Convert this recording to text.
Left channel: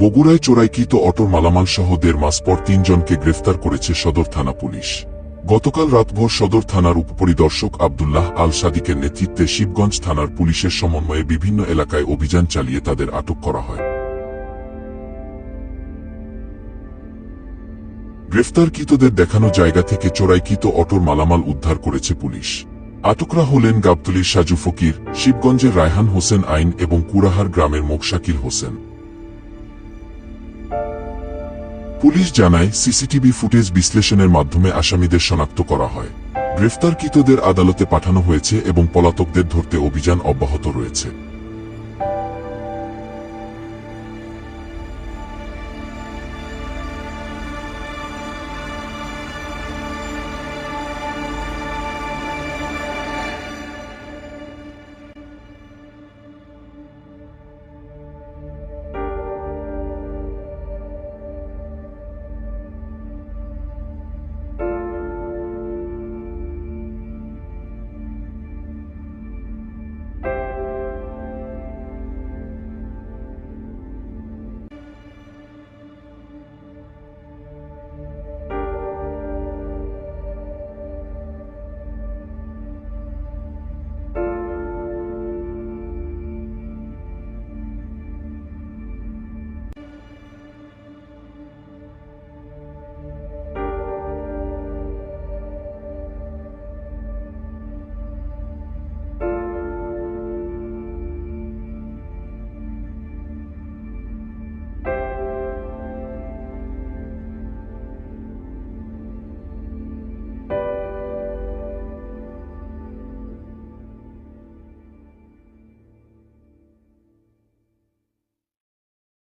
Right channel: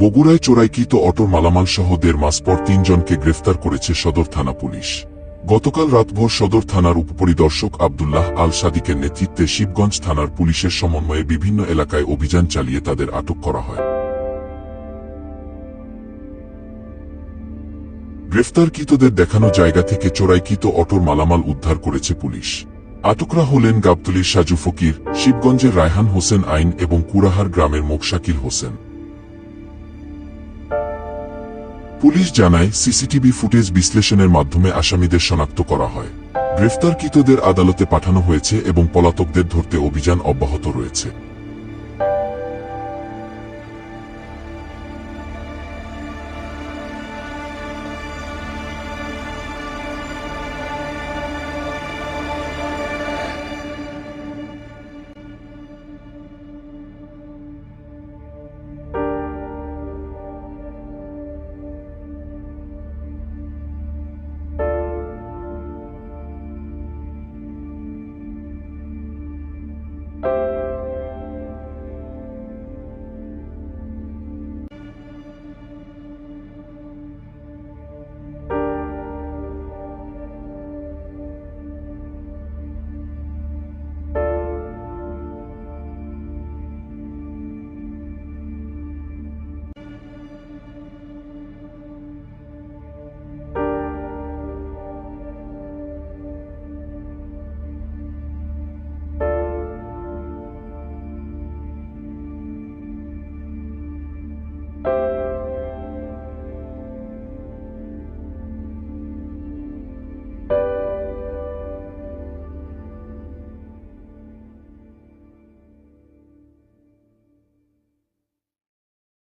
বগুড়ায় চোরাইকৃত অটোর মালামাল সহ 1.5 মাস পর 3 জনকে গ্রেফতার করেছে সদর থানা পুলিশ। গতকাল রাতভর সদর থানার উপপরিদর্শক আব্দুল্লাহ আল সাদিকের নেতৃত্বে শিবগঞ্জ থানার পুলিশের সমন্বয়ে বিভিন্ন এলাকায় অভিযান চালিয়ে তাদের আটক করা হয়। গ্রেফতারকৃতদের দেখানো জায়গা থেকে চোরাইকৃত অটোর মালামাল উদ্ধার করেছে পুলিশ। আটকরা হলেন গাবতলীর সাজু ফকির, শিবগঞ্জের রায়হান হোসেন আইন এবং কুড়াহার গ্রামের মোকশাকিল হোসেন। পুলিশ জানায়, সিসিটিভি ফুটেজ বিশ্লেষণের মাধ্যমে আসামিদের শনাক্ত করা হয়। গ্রেফতারকৃতদের আদালতে পাঠানো হয়েছে এবং পলাতকদের ধরতে অভিযান অব্যাহত রয়েছে।